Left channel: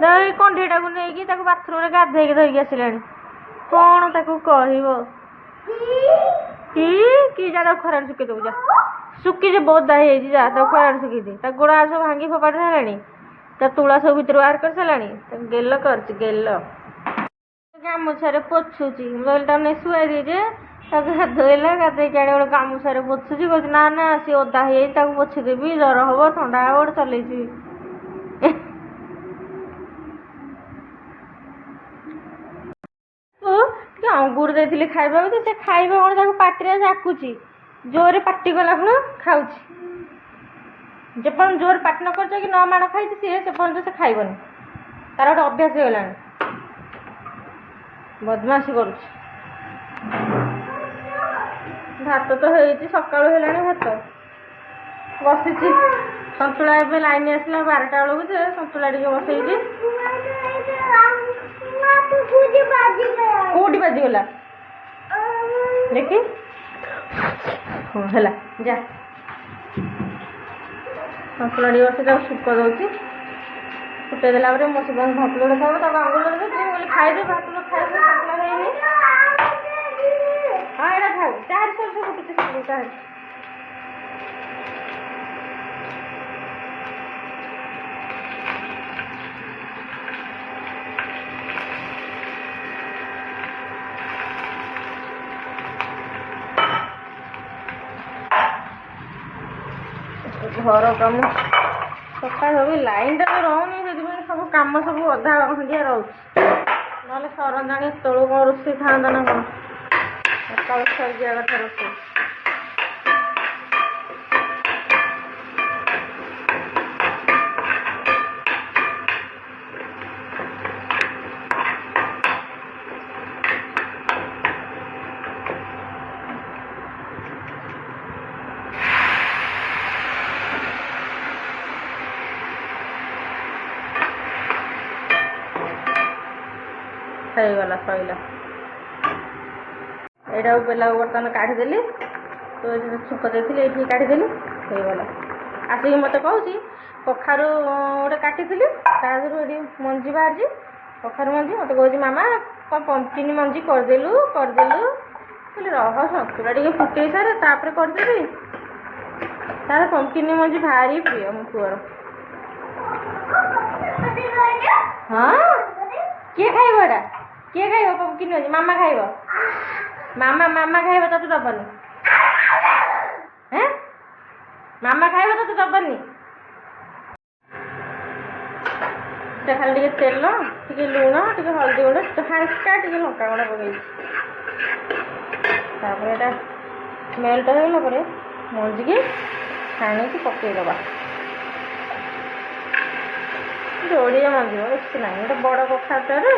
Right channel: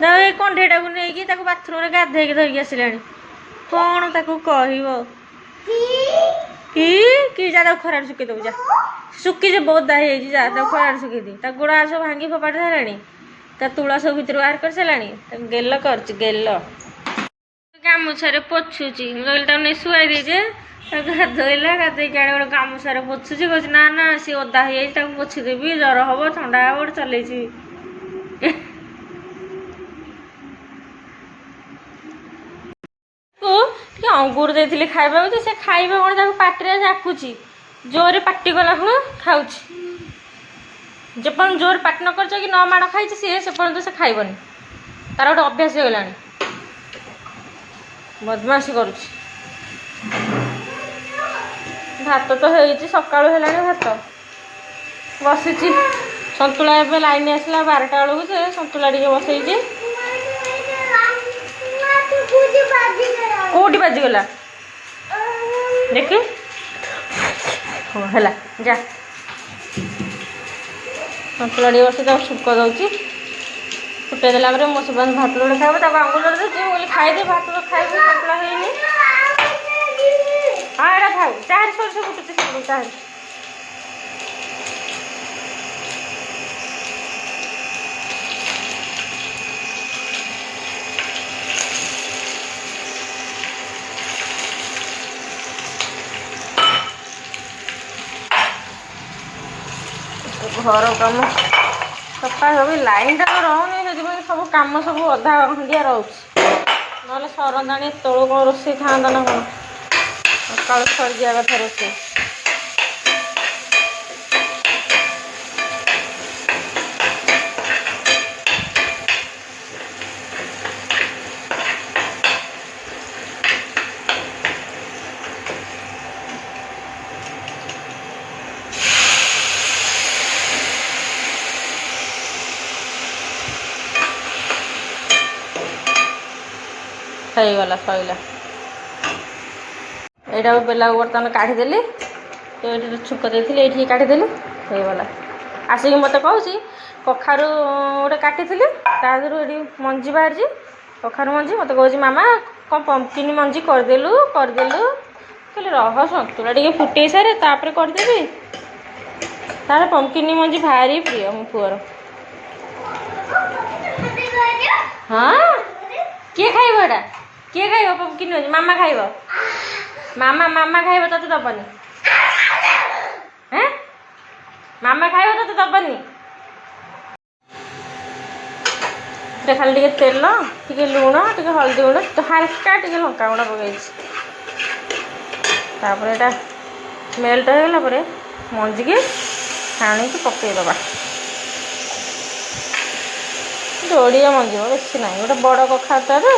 ଏଇ କଣ୍ଢେଇଟାକୁ ନେଇକି ତାକୁ ବାଥରୁମ୍ରେ ଗାଧେଇକି ଧରିକି ଆସିଲାଣି। କ'ଣ ତାକୁ କହିବ? କି ଯା ତାକୁ ଖରାରେ ଶୁଖେଇ ଦେବୁ ଯା। ଶୁଖିଛି ବୋଦା ହେଇଯାଇଛି ଯା ତାକୁ ଖରାରେ ଶୁଖେଇ ଦେ। ତା ଗୋଡ଼ ସବୁ ଭାଙ୍ଗି ଫୋପାଡ଼ି ସାରିଲାଣି। ତା ତୁଳା ସବୁ ଭିତରୁ ବାହାର କରିସାରିଲାଣି। ତାକୁ ଗେଲ କରୁଛି ଗେଲ। ଗାମୁଛାରେ ପୋଛୁଛି। ମୁଁ କହିଲି ତାକୁ ନେଇ ଶୁଆଇ ଦେଇଛେ। ତାକୁ ଗାଧୋଇଲା ଗାଧୋଇକି ଆଣି ଗୋଟେ ଗାମୁଛାରେ ପୋଛୁଛି। କହୁଛି ନା ନା ସିଏ ଓଦା ହେଇଯାଇଛି ତାକୁ ପୋଛିଦେବି ଜ୍ୱର ହବ ଥଣ୍ଡା ହବ ଗୋଟେ ଚଲେଇଛି। ଟିକେ ଅଙ୍ଗୁର ଦେଇଥିଲି ଖାଇବାକୁ ଯେ ସେ ଖାଇବା କ'ଣ ତାକୁ ପାଟିରେ ଜାକୁଛି। ଜୋରରେ ପାଟି କଲା ପୁଣି ଖାଉଛି। ଯେପର୍ଯ୍ୟନ୍ତ ଜୋରରେ ପାଟି ନ କରିଛ କି ନ ମାଡ଼ ଖାଇଛି ସିଏ ସେପର୍ଯ୍ୟନ୍ତ ସେ ଖାଇବନି। ତାର ଗୋଟେ ଅଭ୍ୟାସ ହେଇଗଲାଣି। ବଦମାସି କରୁଛି। ଭାତ ତ ହେଇଛି ସକାଳୁ ହେଲାଣି ଭାତ ବସିଛି। ସନ୍ତୁଳା ଏବେ ଲାଇନ୍ ଆସିଲା 12ଟା ବେଳକୁ ଯେ ସନ୍ତୁଳା ଟିକେ ବସେଇଛି। କୋଉଠି ବାଜିଗଲା ଦେଖି। ହଁ ହେଲା ଯା। ସନ୍ତୁଳା ଟିକେ ବସେଇ ତାକୁ ଛୁଙ୍କ ଦେଉଛି। ଫୁଟେଇ ଦେଲା ପରେ ମୋ ସୁବାସ ଭାତ ଯୋଡ଼େ ଖାଇବ ତାକୁ ଆଙ୍ଗୁଳି ଦେଉଛି। ମୁଁ କହିଲି ଖାଇଦେ ଭାତ ତ ଖାଇବୁ ସନ୍ତୁଳା ହେଇନି। ହଁ ଏଇଟା ଖାଉ ଚାହାରେ ସୋରିଷ ଫୁଟୁଛି ସବୁ ଚାହାରେ। ଘର କାମ ସଫା ସବୁ ଲାଇନ୍ଟା ତ ରହୁନି ସେଥିପାଇଁ ସବୁ କାମ ସବୁ ଅଧା ଖଣ୍ଡିଆ ରହୁଛି। ନହେଲେ ସରନ୍ତାଣି ଏତେବେଳୁ କ'ଣ ରୋଷେଇ ଥାଆନ୍ତା ନା କ'ଣ। ସକାଳୁ ସରିଯିବା କଥା ରୋଷେଇ। ହେଇଗଲା ସଇଲା। ଏଇଟାକୁ ବେଲାକୁ ବର୍ତ୍ତମାନ କାଢ଼ିଦେଲି। ଏଇଠି ଛୁଙ୍କ ଦେଇଥିଲି ଏଇଠିକି କାଢ଼ିଦେଲି ହେଇଗଲା। ଆସିକି ମୋତେ କହୁଛି କଖାରୁ ଗୋଟେ କାଟିଥିଲି ତା ଦେହରୁ ଏଠି ମଞ୍ଜି ବାହାରିଛି କଖାରୁ ମଞ୍ଜି। ମୋତେ କହୁଛି ମାମା କ'ଣ ପମ୍ପକିନ୍ ମଞ୍ଜି କରିଦେଲୁ। କହିଲି ରହ ସନ୍ତୁଳା ଟିକେ ଫୁଟେଇ ସାରେ ତାପରେ କରିଦେବି। ତାର ପମ୍ପକିନ୍ ମଞ୍ଜି ଭାରି ପ୍ରିୟ ମୋ ପୁଅର। ହଁ କିଏ ଖାଇବ ଏଇଟା? କିଏ ଖାଇବ ପମ୍ପକିନ୍ ମଞ୍ଜି? ମାମା ଖାଇବ। ମାମା ଖାଇବ ତତେ ଦବନି। ମାମା ଖାଇବ ତତେ ଦବନି। ସେ ଖାଲି ଟିକେ ତେଲ ଟିକେ ଲୁଣ ଟିକେ ହଳଦୀ ଗୁଣ୍ଡ ହାଲକା ଟିକେ ଲଙ୍କା ଗୁଣ୍ଡ ପକାଇଛି। ତାପରେ ଏଇଟା ମେଲ୍ଟ ହେଇଗଲା ପରେ ମଞ୍ଜିକି ଛାଣିକି ପକାଇଦେବା। ଯୋଡ଼ିଏ ମଞ୍ଜି ବେଶୀ ନାହିଁ। ଗୋଟେ ବଡ଼ କଖାରୁଟାରେ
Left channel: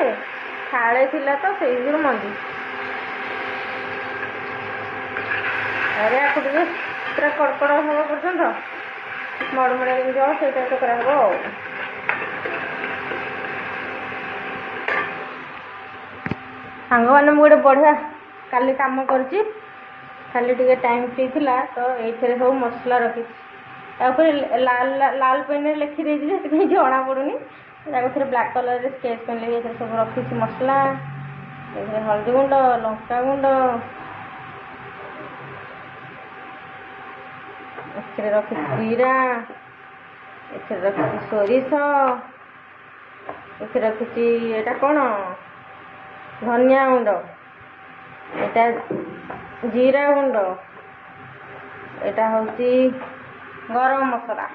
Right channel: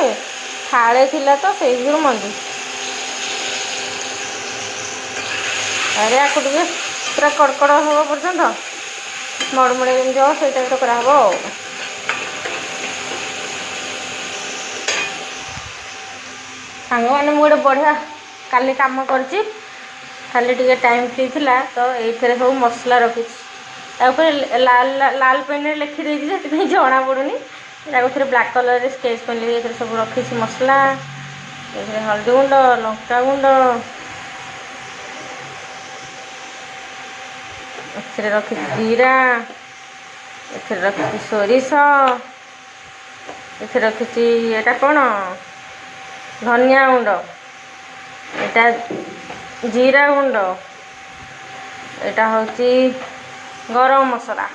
ଫାଳେ ଥିଲା ତ ସେଇଥିରୁ ମଞ୍ଜି। ଆରେ ଆକୁ ଟିକେ ପୁରା କଡ଼କଡ଼ ହେବା ପର୍ଯ୍ୟନ୍ତ ମଡ଼ମଡ଼ିଆ ଯେମିତି ହେବ ସେଇଟା ତ କରାହେବ ଆଉ। ସାଙ୍ଗମାନେ ମୁଁ ଗୋଟେ ବଢ଼ିଆ କାଲି କାମ କରିଛି। ଖାଲି ଟିକେ ଟାଇମ୍ ଫ୍ରି ଥିଲା ତ ଏଇଥିରେ ସବୁ ମସଲା ରଖିଛି। ତା ଉପରେ ଲାଲ ପେନ୍ରେ ଲେଖିଦେଇଛି ସେଥିପାଇଁ ଜଣାପଡ଼ୁନି। ତାକୁ ବ୍ଲାକ୍ କଲର୍ରେ ସ୍କେଚ୍ ପେନ୍ ଏଥିରେ ସବୁ ରଖିଛି ମସଲା। ଏଥିରେ ହଳଦୀ ଗୁଣ୍ଡ ଲଙ୍କାଗୁଣ୍ଡ ଏଥିରେ ରଖିଛି ଜିରା ଏଥିରେ ରଖିଛି ସୋରିଷ ଏଥିରେ ରଖିଛି ଏଇଟା କ'ଣ ଧନିଆ ଗୁଣ୍ଡ ଏଇଟା ଜିରା ଗୁଣ୍ଡ ଏଇଟା ହେଉଛି ଗରମ ମସଲା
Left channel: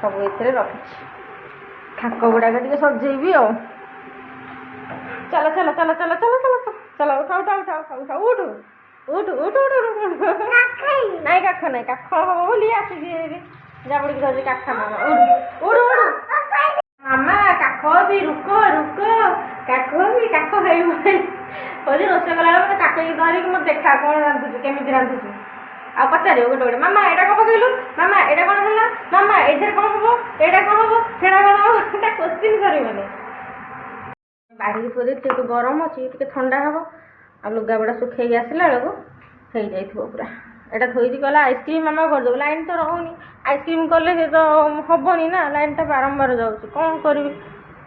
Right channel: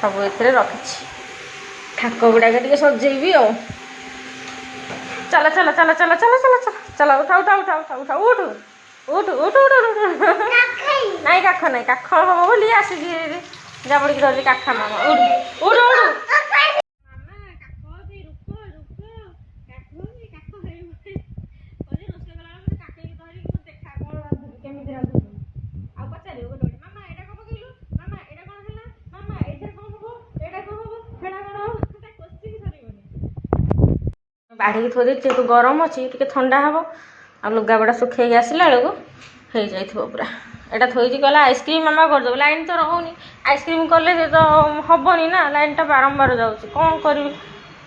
ସବୁ ଏଥିରେ ରଖିଛି। ଠାକ ଗୁଡ଼ାକ ଟିକେ ସଜେଇବି ଆଉ। ଚାଲ ଚାଲ ଚାଲ ଚାଲ ଚାଲ ଚାଲ ଚାଲ ଚାଲ ଉଠା ଉଠା ଉଠା ଉଠା ଉଠା ଉଠୁ ଉଠୁ ଉଠୁ ଉଠୁ ନାଇଁ କାଖ ନାଇଁ କାଖ ହବ ବୋଲି ଆସିଛି ଜାବୁଡ଼ିକି ଧରିଛି କାଖ ମାମା ଉଠୁ ଉଠୁ ଉଠୁ ମାମା କାଖ ବି ରୁକ ରୁକ କାଖ ବି କାଖ ହେଇବ କହୁଛି ରୋଷେଇ କଲାବେଳେ ମୋତେ କାଖକି ଧରିକି ମୋତେ ଦେଖା କ'ଣ ରାନ୍ଧୁଛୁ କେମିତି ରାନ୍ଧୁଛୁ। ଆଉ ପଚାରିବ ଗୋଟେ ଗୋଟେ ମାମା ଏଇଟା କ'ଣ ପକେଇଲୁ ମାମା ଏଇଟା କ'ଣ ହେଲା ମାମା ଏଇଥିରେ କ'ଣ ହବ ଏଇଟା କ'ଣ ହବ ସେଇଟା କ'ଣ ହବ ସେଟା କୋଶ୍ଚିନ୍ କରିବନି। ବାଢ଼ିକି ଥୋଇ ଦେଇଛି ଯେହେତୁ ଗରମ ଅଛି ଟିକେ ଥଣ୍ଡା ହବ ଆଉ ଲୁଗାପଟା ଶୁଖେଇକି ଆସିଲା ବେଳକୁ ହେଇଯାଇଥିବ ପୁରା। एटा थोड़ी कहला आइसक्रीम मामा करदेव लाइन तो रोनी आइसक्रीम कले तो हेनी ना लाइन टा बारंबार जाऊँगी कौन करी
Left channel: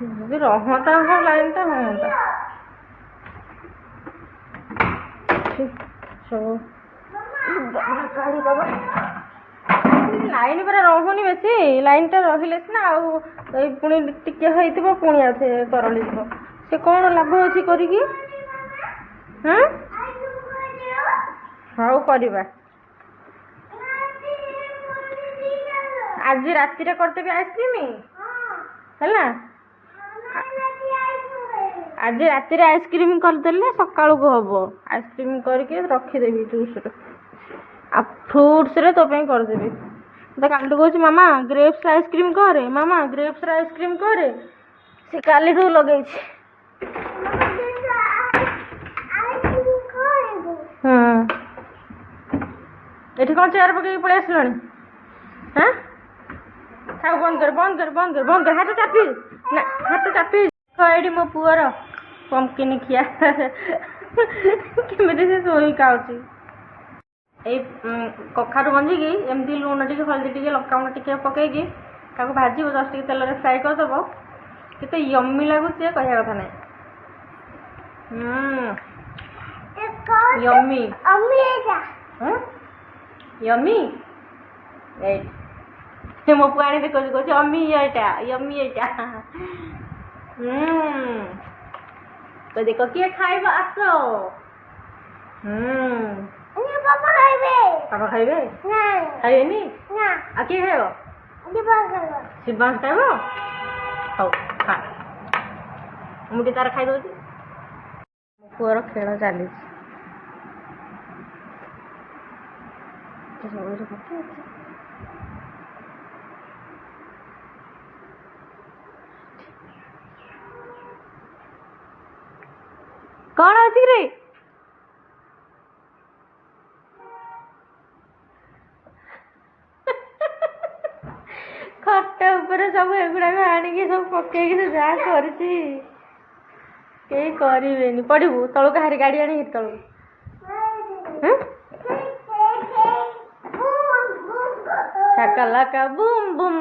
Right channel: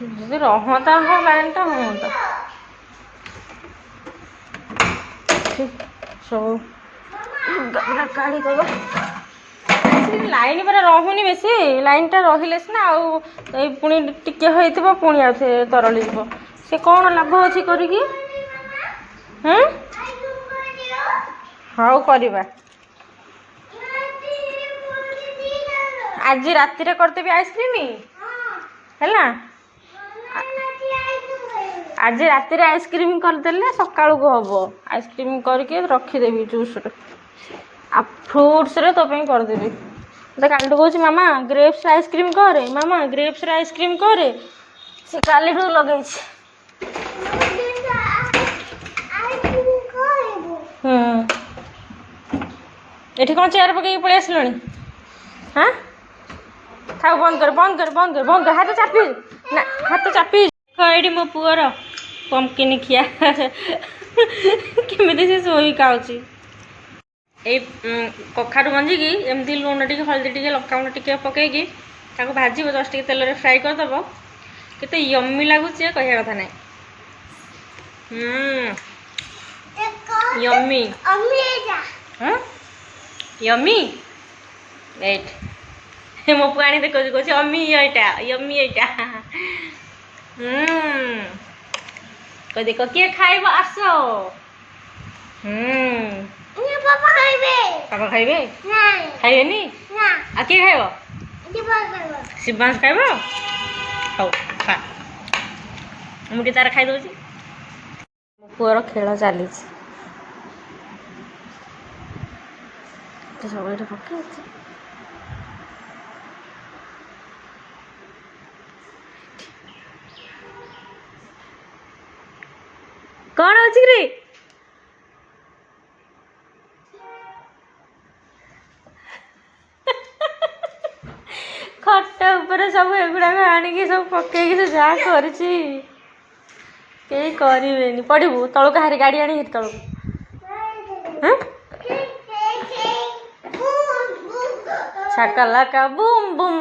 जी रहता हाँ लाइन टा हाँ सब काढ़ी दबा लाइन पूरा रोनी बेस लाइन टा रहिले सीना पुणी टिके होइथिबो पुणी आउ तरली जीव से कौन लाभ अच्छी करी हाँ हाँ करवा आज राति रे करदेवी आइसक्रीम है आज राति रे आइसक्रीम करदेले सकाळु को हबो आइसक्रीम करके रखीदेवी जूस आ फ्रूट्स रे तो पे करदेवी तो कालू कह मामा ग्रेप्स आइसक्रीम करे मामा ग्रेप्स आइसक्रीम करे से काली लगे ये कौन चेयर पकई पलि आसला हाँ था बंद कर बंद कर बंद कर बंद कर हाथ चापी ना हाथ चापी ये मो पुअर पंपकिन खिया केमी से शोई खाऊँ कखारू मंजी की एमती लुण टी हल्दी टी लंका टी पकईकी भाज जस्ट टे तेल फ्राए करदेव केते यम्मी लगुच कह कथा ना यम्मी यम्मी एट मो पुआ आनी देखो कह अम्मी एटा यम्मी एटा कह देख किए खाइब आस पापा खाइबे खाइबेनी आ किए खाइब शिवांश खाइब हौ खा मुझे तार खाई दौची मो पुअर खेल चली सब ये पकई कौन अच्छी रे खट ऊपर सब एगुड़ा आणिकी सब पकईकी तो जहाँ करें पड़ू तलू हारी गाड़ी आनी तलू शाकालाका बूम बूम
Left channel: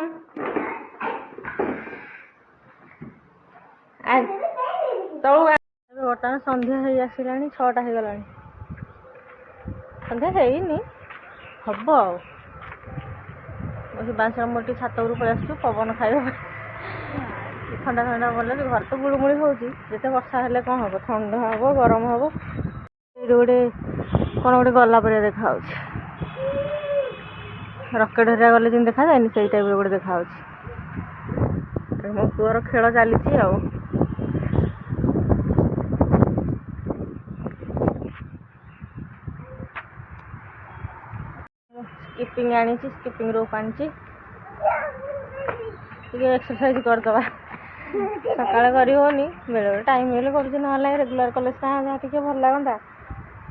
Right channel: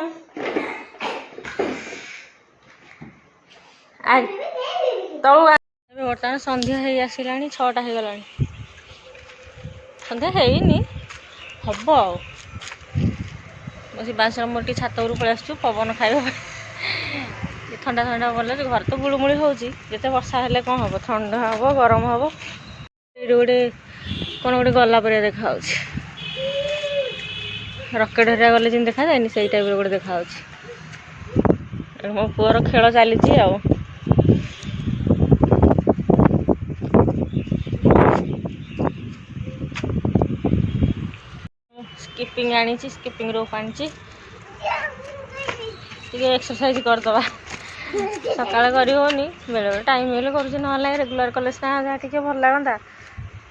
तलू बर्तमान संध्या हो आसला 6टा हो गला संध्या हैनी हम बस बांसर मोर टी छात पलि आसु पवन खाइब ठंडा ठंडा भल घर तो गुड़मुड़ी होते वर्षा हेल्ले कौन हम ठंडा हम गरम हम ये गोटे कौन गोटे गला पर देखा रकेट हरिया गले जमी देखा जाए से टाइप गोटे देखा मो पुअर खेल चली स्किपिंग आनी स्किपिंग रोप आनी एक्सरसाइज करदे सका कर बेले टाइम मिले कर रेगुलर कले जहाँ टे भल लगता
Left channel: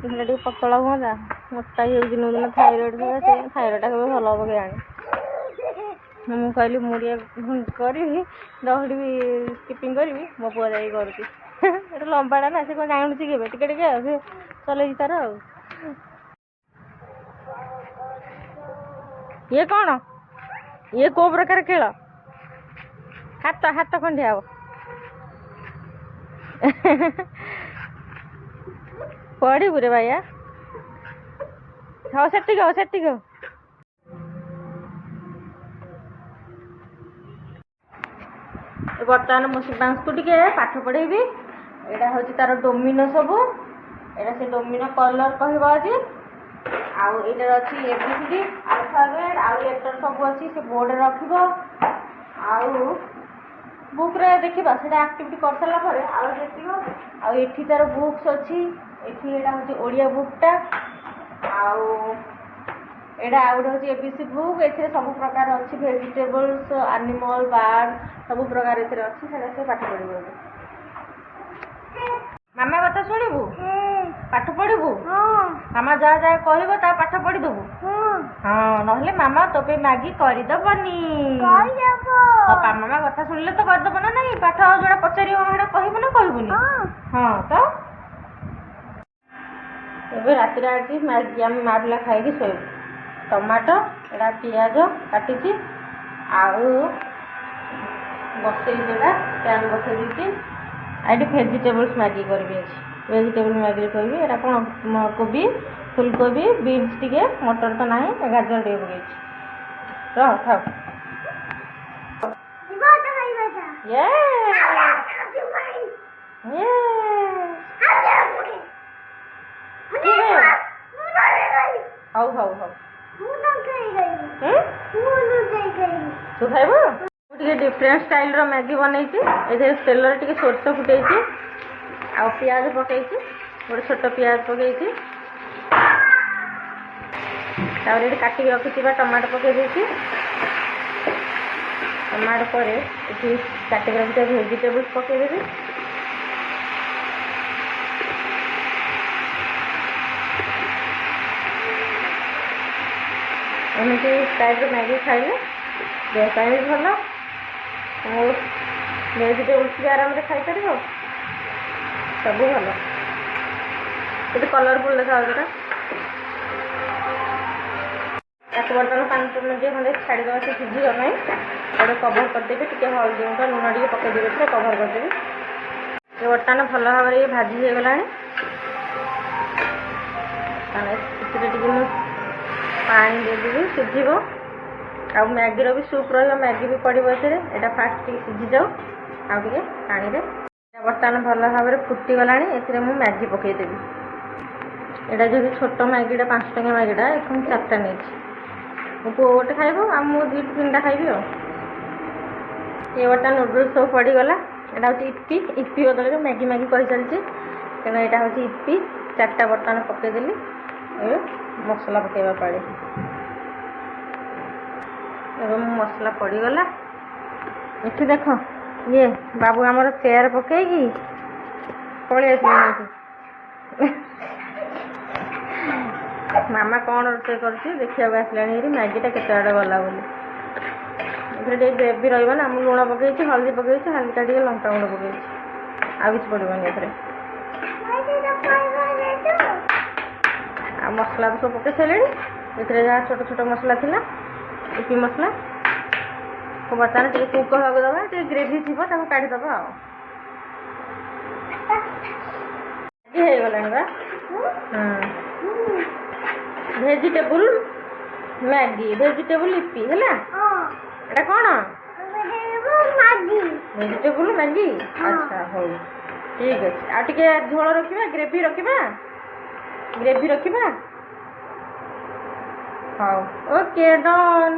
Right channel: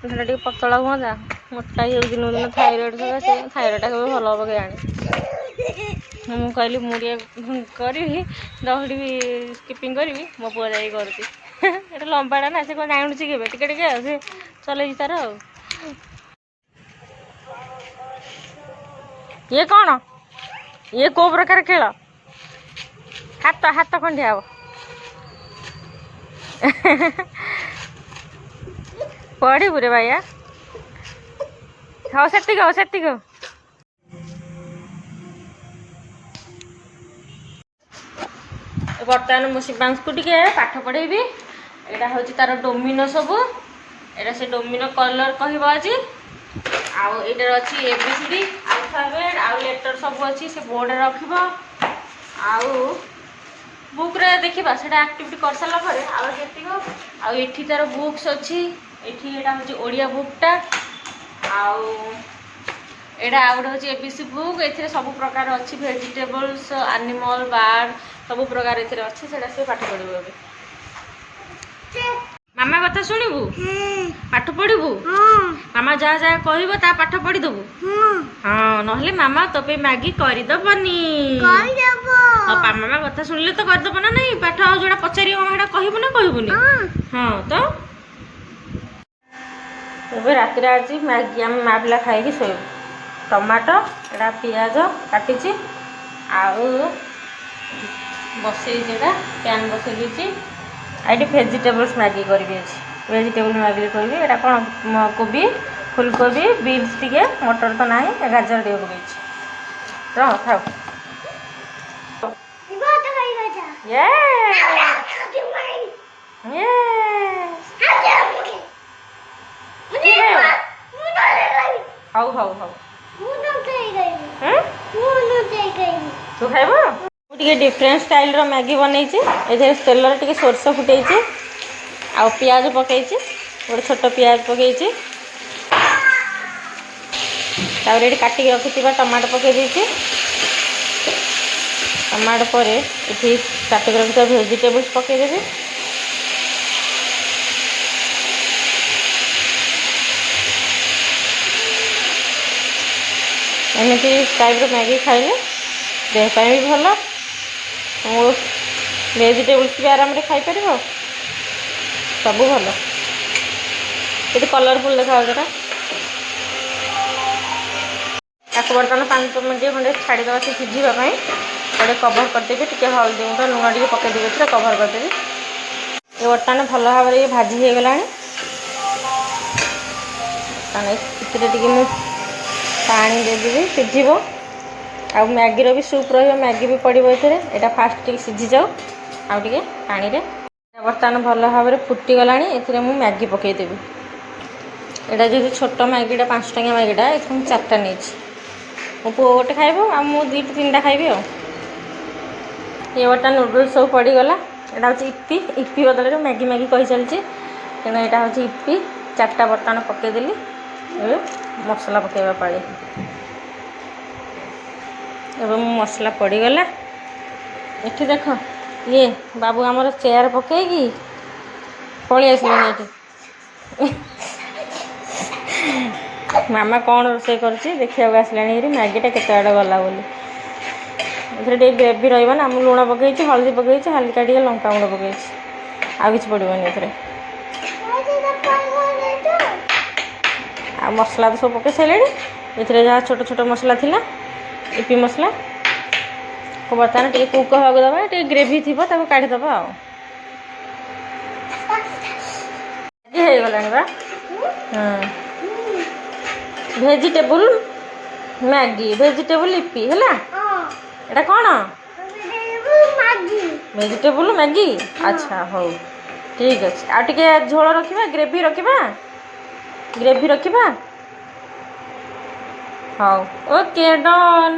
देहटा टे पतला हाँ मोटा ही दिन दिन थायरॉइड थायरॉइड के भल हम के आनी मुझे कहली मुझे करी दौड़ी भी स्किपिंग करी मो पुआ जा करुँगी लंबाटा ना से कौन जानूँ के टे से चल तार ये कौन ये को प्रकार खेल हाथ हाथ खंडिया हम पड़ू रे भाइया हाँ से बर्तमान मो शिवांश को टे पाठ पढ़ेबी यहाँ हूँ तार डोमिनो सब एटा से डोमिनो कलर कह आज आईटार अच्छी एबीसीडी अल्फाबेट आउ लेटर सब अच्छी से बोर्ड रख बुक रे देखा से एक्टिविटी कर सारा आठी तार बुक्स अच्छी एटा हूँ ओडिया बुकटा एटा आउट हूँ एबीसी बुक ए सब प्रकार अच्छी वेजिटेबल्स एनिमल बार्ड सब प्रकार अच्छी से पाठ पढ़ू ए मामा कथा शुणु पाठ पढ़ू मामा जहाँ जहाँ कह पाठ पढ़ीदेबू हाँ ना मामा तो पे मैगी करदबनी मामा कथा शुणिले तो करदब ना नहीं पाठ जोड़ा पचारि हाँ कहबू ना कहबूनी हाँ तो ଏବେ ରାତିରେ ଆଜି ମ୍ୟାଗି ଆମେ ମା ପିଲା ଖାଇକି ଶୋଇବୁ। ଟମାଟୋ ଏଇଟା ପିଆଜ କାଟିଛି ଆଉ ବସେଇଛି, ଏଇଟା ପ୍ୟାନ୍ ବସେଇ ଦେଇଛି। ଆଉ ଏଠି ଭେଜିଟେବଲ୍ସ ମ୍ୟାଗି କରିବି ଅଛି। ଭେଜିଟେବଲ୍ ମ୍ୟାଗି କରିବି। ଏଇଟା କ'ଣ କୋବି, ଫୁଲକୋବି, ବିନ୍ସ ଟିକେ, ମଟର ତ ନାହିଁ, ଗାଜର ଟିକେ ପକେଇଛି। ରହ ଖାଉ। ହଉ ହଉ ହଉ ତୁ ଖାଇବୁ। ମୁଁ ଟିକେ ଡିଫରେଣ୍ଟ ଷ୍ଟାଇଲ୍ର ମ୍ୟାଗି ବନେଇଛି। ଏଥିରେ ତେଲରେ ଟିକେ ସୋରିଷ ଫୁଟେଇଛି ଆଉ ପିଆଜ ପକେଇଛି, ଗୋଟେ ଛୋଟ ପିଆଜ ପକେଇଛି। ତାପରେ ଏଠି କାଟିକି ରଖିଥିବା ଟମାଟୋ ପକେଇ ଦେଇଛି। ଟମାଟୋ ପରେ ଏଠି କାଟିକି ରଖିଥିବା ଭେଜିଟେବଲ୍ସ ପକେଇଦେବି। ଏମିତି ଟାଇପ୍ର ମ୍ୟାଗି ଖାଇଲେ ଦେହ ପାଇଁ ବି ଭଲ। ଭେଜିଟେବଲ୍ସ ବି ଆରାମରେ ଖାଇପାରିବ, ସବୁ ଭଲ। କେତେ କଲରଫୁଲ୍ ଦେଖାଯାଉଛି ଏଟା। ତାକୁ ବର୍ତ୍ତମାନ 5 ମିନିଟ୍ ଖଣ୍ଡେ ଛାଡ଼ିଦେବା ସେ ସିଝିବା ପାଇଁ। ଏଇଟା କଭର୍ କରିଦେବି, ଟିକେ ହଳଦୀ ଗୁଣ୍ଡ ଲୁଣ ଟିକେ ପକେଇଦେବି, ଏଥିରେ କଭର୍ କରିଦେବି। ଏ ବର୍ତ୍ତମାନ ଭଲ ଭାବରେ ଭାଜି ହେଇଗଲାଣି। ଏଥିରେ ଟିକେ ମୁଁ ପାଣି ଦେଇଦେବି, ସିଝିବ। ଆଉ ମ୍ୟାଗିର ବି ସୁପ୍ ରହିବ, ମ୍ୟାଗି ବି ପଡ଼ିବ ଏଥିରେ। ଏଇଟା ଫାଷ୍ଟ ଟିକେ ସିଝିଯାଉ ଆଉ ଟିକେ ପାଣିରେ। ବର୍ତ୍ତମାନ ଭଲ ଭାବରେ ଫୁଟିଗଲାଣି। ଏଥିରେ ମୁଁ ମ୍ୟାଗି ପକାଇଦେବି। ଏଇଟା ଯଦି ଛୋଟ ମ୍ୟାଗିଟା 5 ଟଙ୍କିଆ ମ୍ୟାଗିଟା, ଏଥିରୁ ମୁଁ 4ଟା ନେଇଛି। ମୋ ପୁଅ ଗୋଟେ ଖାଇବ ଆଉ ମୁଁ 2-3ଟା ଖାଇବି ଆଉ। ଏ ବର୍ତ୍ତମାନ ନୁଡ଼ଲ୍ସ ସବୁ ପଡ଼ିଗଲା। ଏଇଟା ହେଉଛି ଇପି ବଦଳରେ ମ୍ୟାଗି କହିଚାଲିଛି, ତେଣୁ ଏଇଟା ହେଉଛି ଇପି। 4ଟା ବର୍ତ୍ତମାନ ପକାଇଦେଲି। ଏବେ ମସଲା ପକାଇବା ପାଳି। ଏବେ ମୋ ମସଲା ପଡ଼ିଗଲା। ଏଠି ଦେଖ, ଇଏ ବାବୁ ଆମର ଚେୟାର ପକାଇକି ପଳେଇ ଆସିଲେଣି ଏଠି। ମାମା କ'ଣ ରୋଷେଇ କରୁଛି ଦେଖିବାକୁ ଆସିଲାଣି। ଏଠି ମ୍ୟାଗିଟା କେତେ ଆଡ଼େ ଗଲା ବୋଲି। ଏଥିରେ ଟିକେ ଗ୍ରେଭି ରହିବ ନା। ମୁଁ ଲୁଣ ପକାଇଛି, ହଳଦୀ ପକାଇଛି, ହାଲକା ଟିକେ ଲଙ୍କାଗୁଣ୍ଡ ପକାଇଛି, ଆଉ କିଛି ପଡ଼ିବନି ଏଥିରେ। ଆଉ ମସଲା ତ ସବୁ ପକାଇ ସାରିଲେଣି। ଏଥିରେ ଯାହା ଛୋଟ ଛୋଟ ମସଲା ଥିଲା, ଇପି ମସଲା ବର୍ତ୍ତମାନ ଟିକେ କୁକ୍ ହେବାକୁ ଦେବା। ଟିକେ ଗ୍ରେଭି ଥିବ ତାକୁ କାଢ଼ିଦେବା ଆଉ। ହେଇଗଲାଣି ବା। ଭେଜିଟେବୁଲ୍ ମ୍ୟାଗି, ଭେଜିଟେବୁଲ୍ ଇପି ହେଲା। ଏଇଟା କ'ଣ? Vegetable Maggi. ଆଚ୍ଛା ହଉ, ଠିକ୍ ଅଛି। ଆଉ ଟିକେ ଝୋଳ ରଖିବା, ଗ୍ରେଭି ରଖିବା। ହଉ, ଓକେ, ଡନ୍।